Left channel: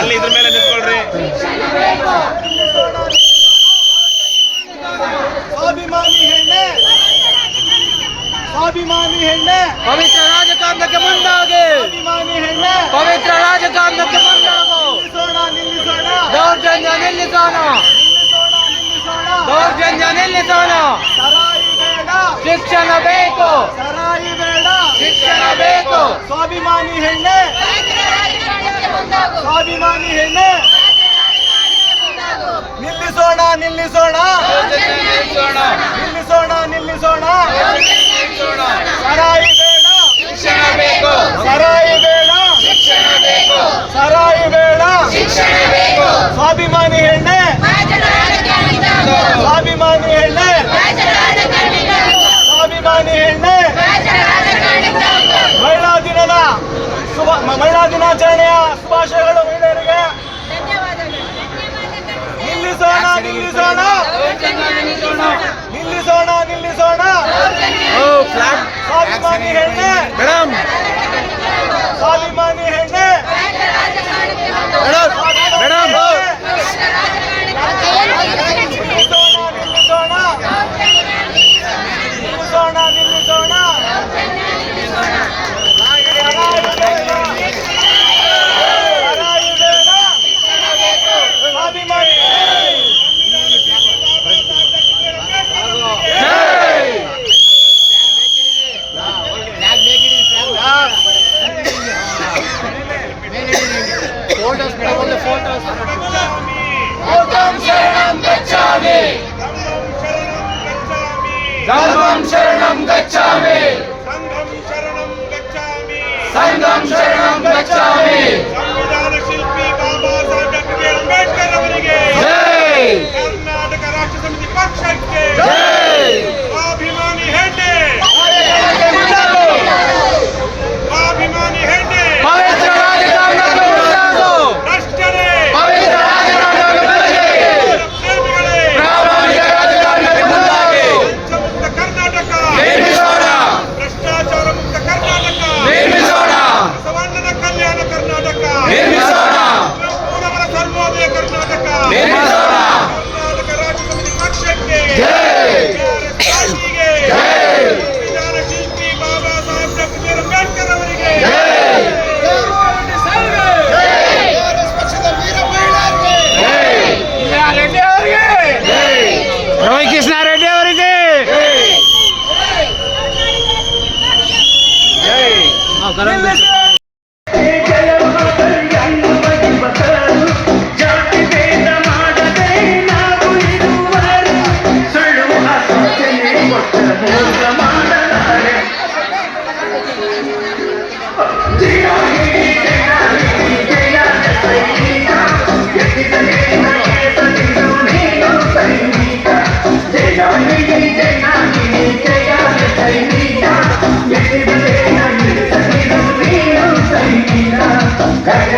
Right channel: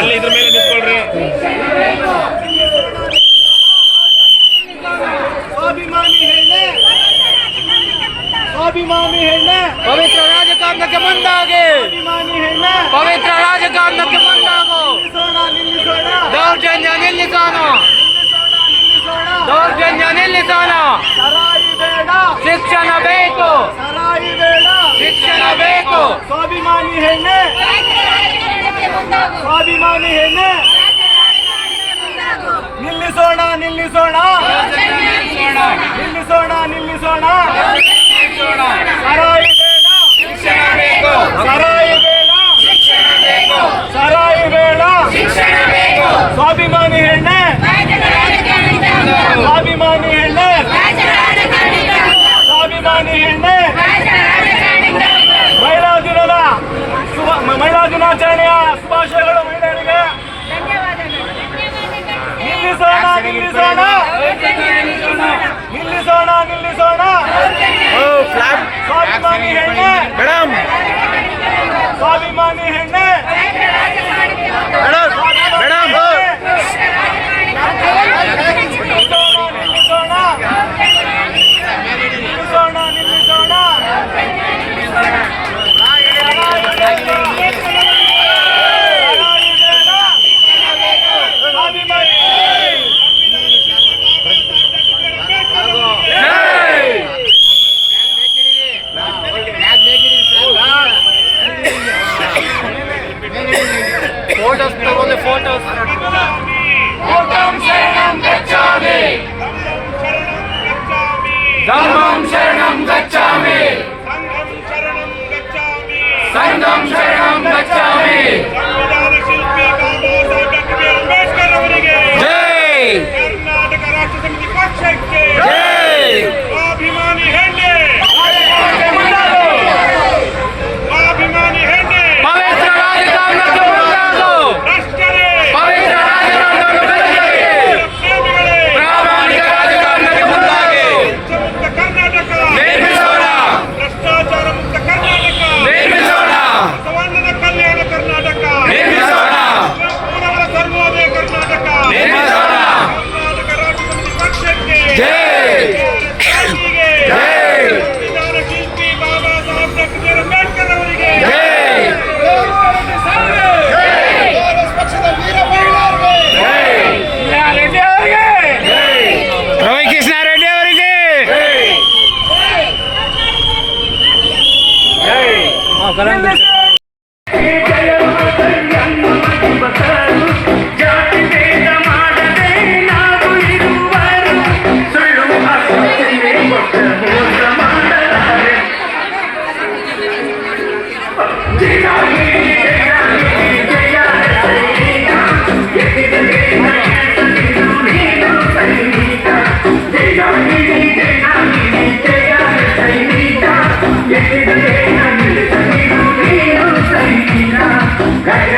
ಅಲ್ಲಿ ಇದ್ರ ಮೇಲೆ ನಿಂತ್ಕೊಳ್ರಿ ಸ್ವಾಭಿಮಾನಿ ಹೆಣ್ಣೆ ಸ್ವಾಭಿಮಾನಿ ಹೆಣ್ಣೆ ಪವಿತ್ರ ರಾಜಕಾರಣಕ್ಕೆ ಮುಂದಾಗಿ ಸ್ವಾಭಿಮಾನಿ ಹೆಣ್ಣೆ ಪವಿತ್ರ ರಾಜಕಾರಣಕ್ಕೆ ಮುಂದಾಗು ನಿಲ್ಲಿಸೋಣ ನಿಲ್ಲಿಸೋಣ ದೌರ್ಜನ್ಯ ನಿಲ್ಲಿಸೋಣ ನಿಲ್ಲಿಸೋಣ ನಿಲ್ಲಿಸೋಣ ದೌರ್ಜನ್ಯ ನಿಲ್ಲಿಸೋಣ ಸರಾಯಿ ಬೇಡ ಶಿಕ್ಷಣ ಬೇಕು ಸರಾಯಿ ಬೇಡ ಶಿಕ್ಷಣ ಬೇಕು ಸ್ವಾಭಿಮಾನಿ ಹೆಣ್ಣೆ ಸ್ವಾಭಿಮಾನಿ ಹೆಣ್ಣೆ. ನಿಲ್ಲಿಸೋಣ ನಿಲ್ಲಿಸೋಣ. ನಿಲ್ಲಿಸೋಣ ನಿಲ್ಲಿಸೋಣ. ಸರಾಯಿ ಬೇಡ. ಶಿಕ್ಷಣ ಬೇಕು. ಸರಾಯಿ ಬೇಡ. ಶಿಕ್ಷಣ ಬೇಕು. ಸರಾಯಿ ಬೇಡ. ಶಿಕ್ಷಣ ಬೇಕು. ಸ್ವಾಭಿಮಾನಿ ಹೆಣ್ಣೆ. ಸ್ವಾಭಿಮಾನಿ ಹೆಣ್ಣೆ. ಸ್ವಾಭಿಮಾನಿ ಹೆಣ್ಣೆ. ಮಹಿಳಾ ದಿನದ ಮಹಿಳಾ ದಿನಾಚರಣೆಯ ನಿಲ್ಲಿಸೋಣ ನಿಲ್ಲಿಸೋಣ ನಿಲ್ಲಿಸೋಣ ನಿಲ್ಲಿಸೋಣ ಸ್ವಾಭಿಮಾನಿ ಹೆಣ್ಣೆ ಮೇಡಮ್ ಸ್ವಾಭಿಮಾನಿ ಹೆಣ್ಣೆ ఫోటోస్ ఫోటోస్ ధర్మం శరణం గచ్చామి సంఘం శరణం గచ్చామి రవి కృష్ణారెడ్డి ఎవరికి జై Hey, hey.